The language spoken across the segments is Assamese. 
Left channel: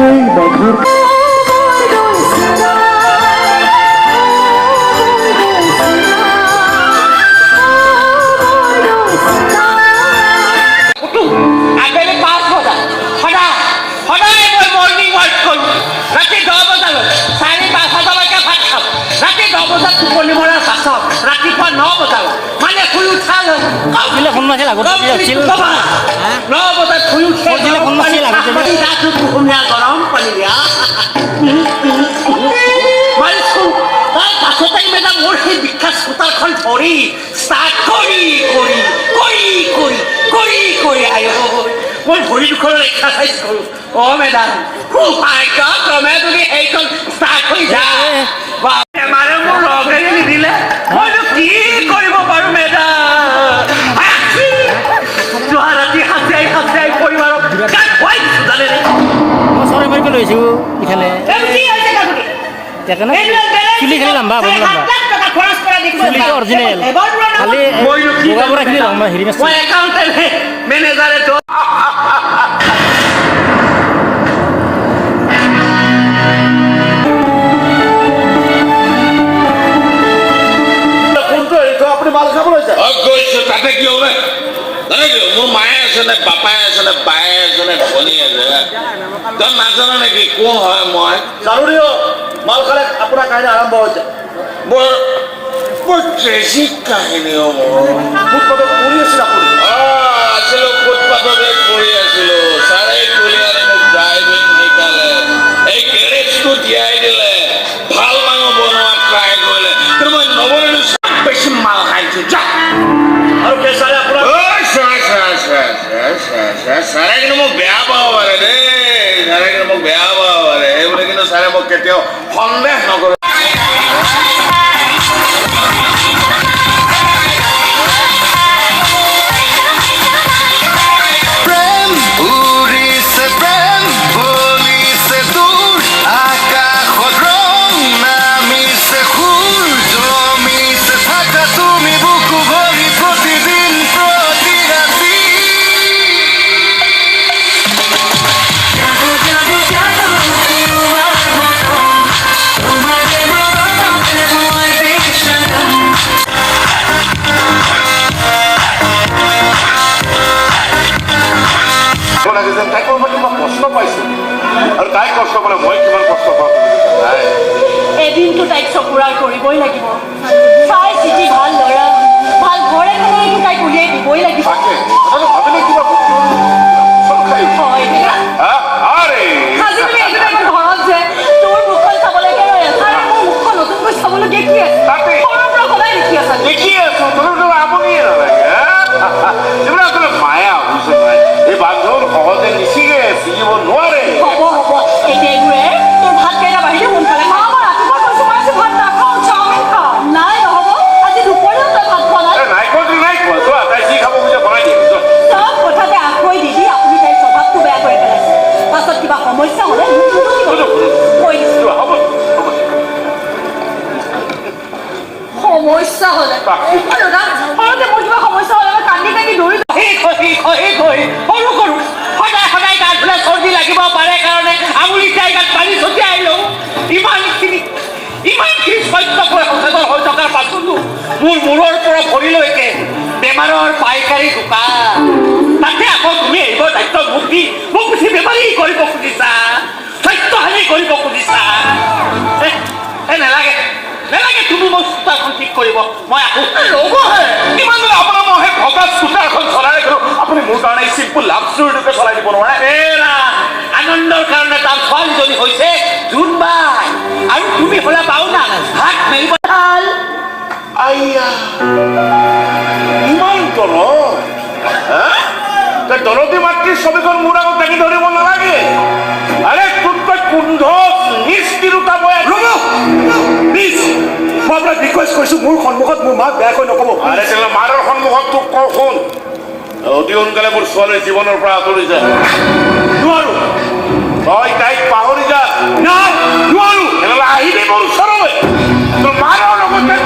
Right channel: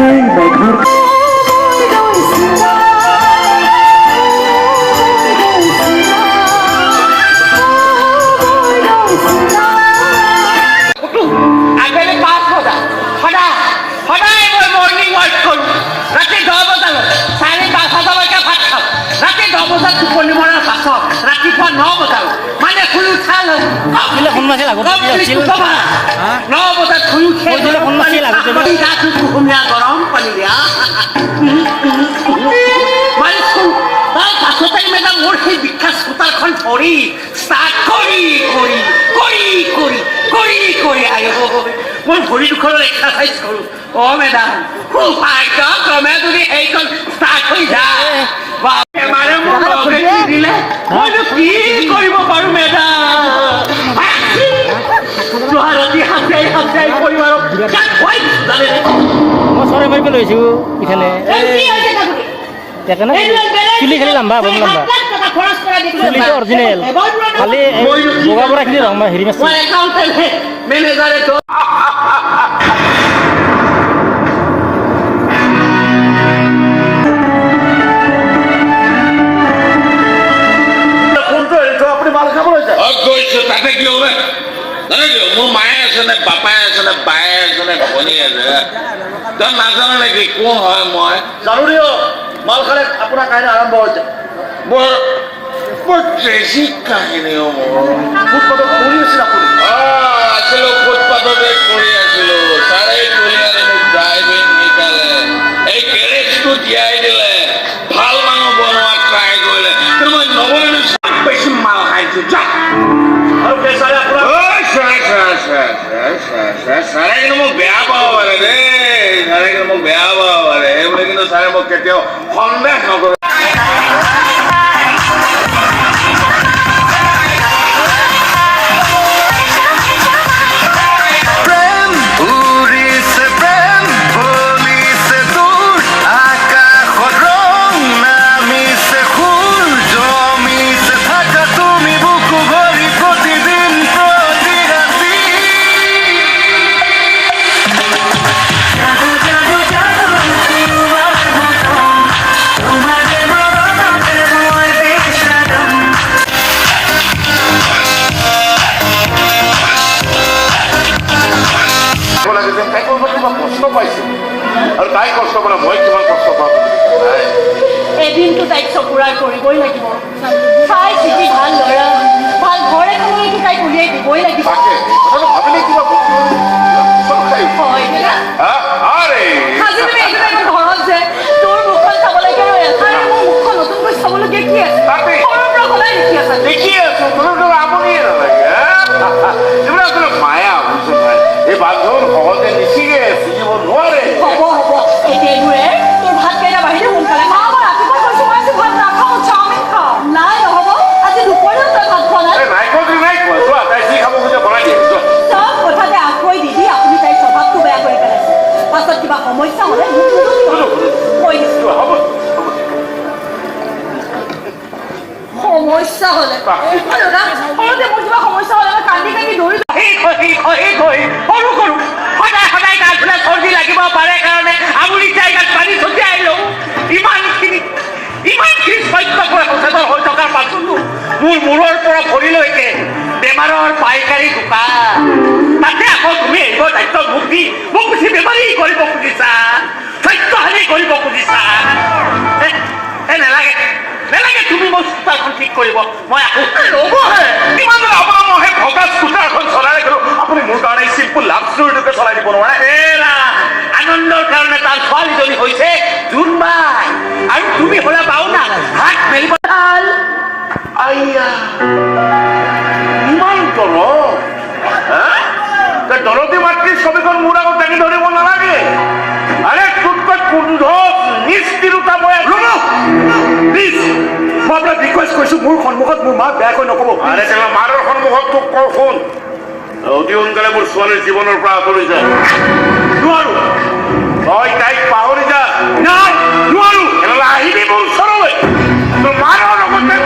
সেই মেঘৰ আবেলি 5 বজাত সদায় মই মৰ্ণিং ৱাক কৰোঁ। ৰাতি 10 বজালৈ 4-5 বজালৈকে ভাত খাওঁ। ৰাতি 10 বজাত টোপনি মৰাৰ পাছত ৰাতিপুৱা 9 বজালৈ মানে শুই উঠা 9 বজাত শুই উঠে কুহুমীয়া গৰম পানী দিয়া মাৰিছোঁ। তাৰ পাছতে মেডাম মোৰ সেই বিখ্যাত স্কুটাৰখন ধৰি ষ্টাৰ্ট কৰি মোৰ ভৰি দুখনৰ এক্সাৰচাইজ কৰোঁ। অ' মেডাম ক্ৰমে যদি সেইখন ষ্টাৰ্ট হৈ যায় বেমাৰে মোক ৰঙে নিদিলে মইতো কি কৰিব পাৰোঁ মেডাম। যোৱা ৰাতি সাঁচাই কৰিম আৰু চৰাই মাৰিব লৈছোঁ ইখানে চুলি খালি লম্বা হ'ব লম্বা চুলিটো অৰিজিনেল খালি বগা বৰাখিনি ৰং হেৰি মাছ মেনেজাৰে মোৰ মায়ে আছে নে পাপাই আছে নে বায়ে আছে নে ভনী আছে তই নাজানো নেকি কোন হয় মই জানো মাল খালে আপোনাৰ কাহিনী আৰম্ভ হৈছে। বৰ ট্ৰেজিক কাহিনী ফুটপাথত কৰি আছিল আপুনি? আছিলো ফুটপাথতে কৰি আছিলো। চাৰে কলিয়াৰে মোক ড্ৰাইভিং শিকালে, এই গেৰেজটো দিয়াই দিলে, ভাল মানুহ বনোৱা ট্ৰাই কৰিলে, কিন্তু মই নবনালো বেছি মাল খাইছো যা আৰু পেছাৰে আপোনাৰ চাৰে কিন্তু মোক বেয়া পাব পাৰে দেই, চাৰে কিন্তু মোক বেয়া পাব পাৰে সেইবুলি কিন্তু চাৰে মোক কেতিয়াও সন্দেহ নকৰে। এদিনটো তাইক চকুৰাই কৰিবই লাগিব। চাই চিটি ভাল ল'ৰা ভাল ঘৰ এখনলৈতো তাইক উলিয়াই দিবই লাগিব। আজি তুমি একেবাৰে ঘৰত যে তোৰ মুখখন চাব লাগে আৰু এঠাই মোৰ মুখখন নতুনকৈ চাবলগীয়া কি আছে? সৰুৰ পৰা সদায় দেখি আছা আমনিয়ে নালাগে মায়া হৈছে এই বান্ধৱৰ সহজে নিচিগে চিকিব নোৱাৰে। হ'ব এতিয়া এইবোৰে তোৰ ভাত কেইটা বাহিৰে সোনকালে খাওঁ। ৰাতিপুৱা কৈছো মই আজি ভাত নাখাওঁ, চাওমিন খাওঁ। নাই নহ'ব আজি দুপৰীয়াও তই ভাত খোৱা নাই। তাই যি খাব খুজে বনাই দিয়ে চব কথাতে আঁতৰি দি আপুনি তাইৰ স্বভাৱটো বেয়া কৰি পেলাইছে। পাছত কিবা সমস্যা হ'লে কৈ দিছোঁ। সমস্যা হ'লে সৰুতে মোৰ কিবা সমস্যা হ'লে মই কান্দি দৌৰি সৰু সদায় গা ধুলে চৰ্দি লাগিব পাৰে কাৰণে আঙুলি জায়গাত পানী ছটিয়াই লওঁ। ইমানখিনি সত্যকৈ সচেতন হৈ থকাৰ পাছতো মোৰ মূৰৰ পৰা ভৰিলৈকে বেমাৰৰ পাইকাৰী দোকান, তাতে আকৌ তুমি আহিব দায়িত্ব মোক দি মোক বেছি বেমাৰী কৰিব খুজিছা, স্বাস্থ্যহানি কৰিব খুজিছা। নালাগে তুমি মোৰ স্কুটাৰখন ঠিক কৰিব, মই আকৌ কিমান আপোনাৰ মই সেই ভগা স্কুটাৰখন চলাই ৰাখিলো, আপুনি মোৰ কাৰণে চিম্পুল লাভ ষ্টৰীটোকে চলাই দিব নোৱাৰে। আনন্দৰ কাৰণে তাৰ ছোৱালীজনী হৈছে জোনবাই আৰু তুমি হ'লা পাওনা হাত মেলিব ইমান দলতি মাতৃৰ ছবিখন মোৰ আগত দাঙি ধৰিব নালাগে। আৰে তোতকৈ কুণ্ঠ নিষ্ঠিৰতা মই প্লিজ মই আপোনাক ৰিকুৱেষ্ট কৰিছো মোৰ সন্মুখত মোৰ মাক বেয়াকৈ নক'ব। আৰে মাৰৰ সন্মুখত তোক কওঁ শুন, অতি সোনকালে মোৰ ছোৱালীৰ জীৱনৰ পৰা আঁতৰি যায়। নোৱাৰো তই তাইক পাহৰি যা। নোৱাৰো আহিবি মোৰ ওচৰলৈ, তোৰ মাৰৰ লগতে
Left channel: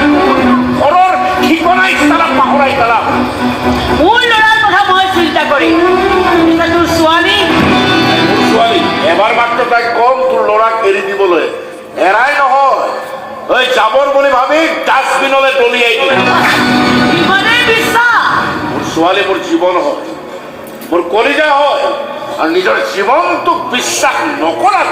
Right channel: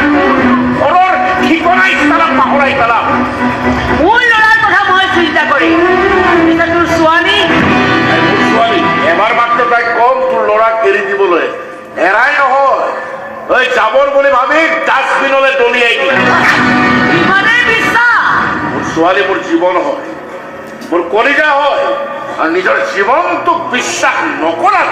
ঘৰৰ ঠিকনাই পাহৰাই পেলা। মোৰ ল'ৰাৰ কথা মই চিন্তা কৰিম, তোৰ ছোৱালী এবাৰ মাত্ৰ তাইক মোৰ জীৱন হয়, মোৰ কলিজা হয়, আৰু নিজৰ জীৱনটোক বিশ্বাস নকৰা।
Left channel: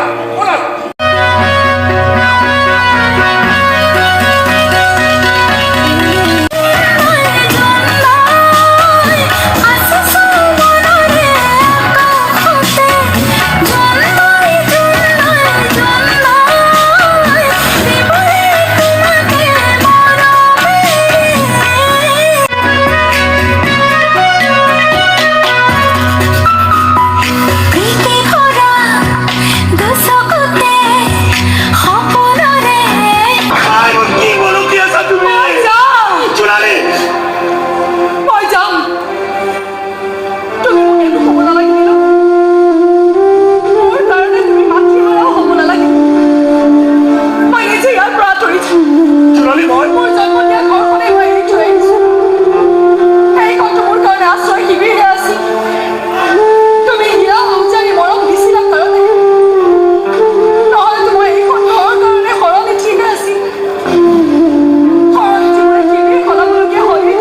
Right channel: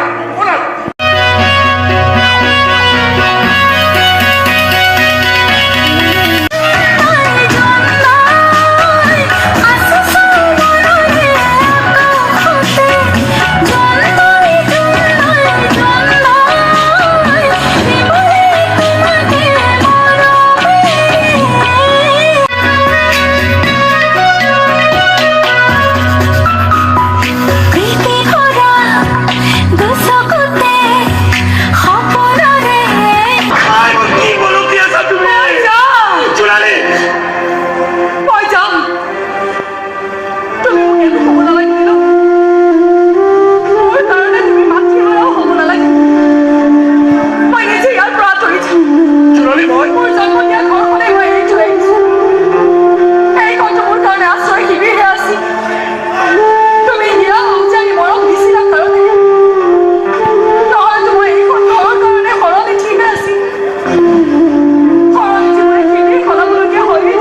মই যাম। তুমি মোক একো ক'ব নালাগিব। মোৰ কাৰণে তুমি মাতৃহাৰাও হ'ব নালাগে। মই নিজে ইয়াৰ পৰা আঁতৰি যাম। মোৰ জন্ম দিয়া ঘৰখনেই মই এৰি থৈ আহিছোঁ। এই ঘৰটো মোৰ কাৰণে আশ্ৰয় শিবিৰহে আছিল। তুমি হিয়া উজানি মৰম দিছিলা কাৰণে, নহ'লেতো মই এইখন ঘৰৰ কাৰণে সলনি ঠিক আছিল। সলনি জীৱনে শিবিৰ সলাবলগীয়া হয়েই।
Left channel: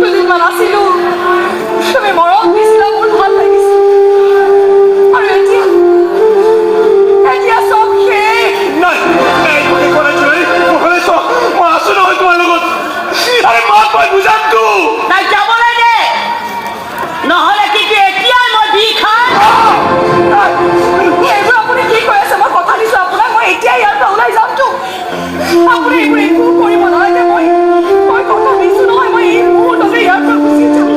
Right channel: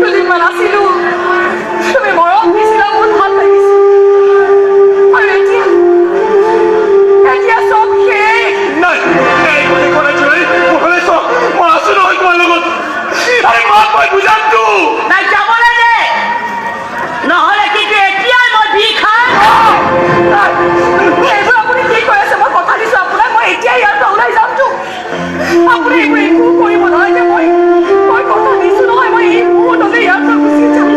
দুদিনমান আছিলোঁ, তুমি মৰম দিছিলা, মোৰ ভাল লাগিছিল। আৰু এতিয়া চব শেষ। নাই যাবলৈ দে, নহ'লে কিন্তু এতিয়াই মই দি খাম। এইবোৰ আপুনি কি কৈ আছে? মই কথা দিছোঁ আপোনাক, মই এতিয়া ইয়াৰ পৰা ওলাই যামতো। আপুনি এইবোৰ একো কৰিব নালাগে। মই কথা দিছোঁ নহয়, মই এই মুহূৰ্ততে ইয়াৰ পৰা গুচি যাম।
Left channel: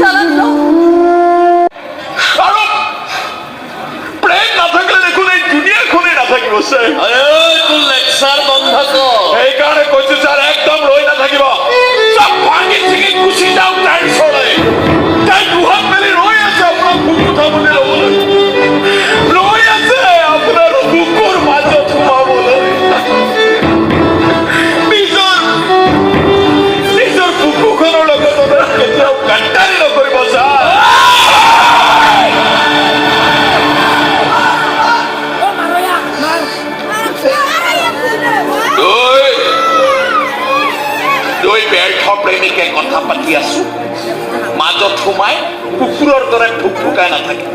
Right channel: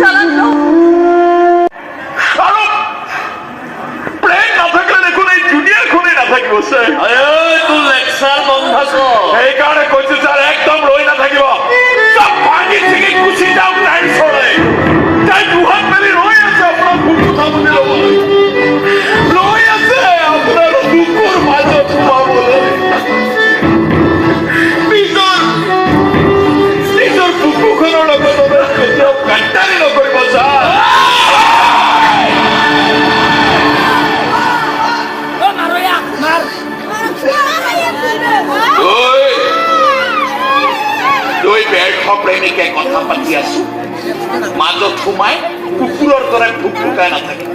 জানান ন, আৰু প্ৰেম নাথাকিলে দেখোন এই দুনিয়াখনেই নাথাকিব ছাৰ। তোৰ লেকচাৰ বন্ধ কৰ। সেইকাৰণে কৈছো ছাৰ, একদম ৰৈ নাথাকিব। চব ভাঙি চিঙি গুচি যাম তাইৰ ওচৰলৈ। তাই দুহাত মেলি ৰৈ আছে আপোনাৰ বুক উঠাবলৈ। ৰৈ আছে আপোনাৰ বুকুৰ মাজত সোমাবলৈ। নিজৰ বুকুখনৰ লগত আপোনাৰ কেতিয়াও গাদ্দাৰী নকৰিব ছাৰ। দুই ব্যৰ্থ প্ৰেমিকে কথা পাতি আছো, মাজত সোমাই কুকুৰৰ দৰে ভুকুকাই নাথাকে।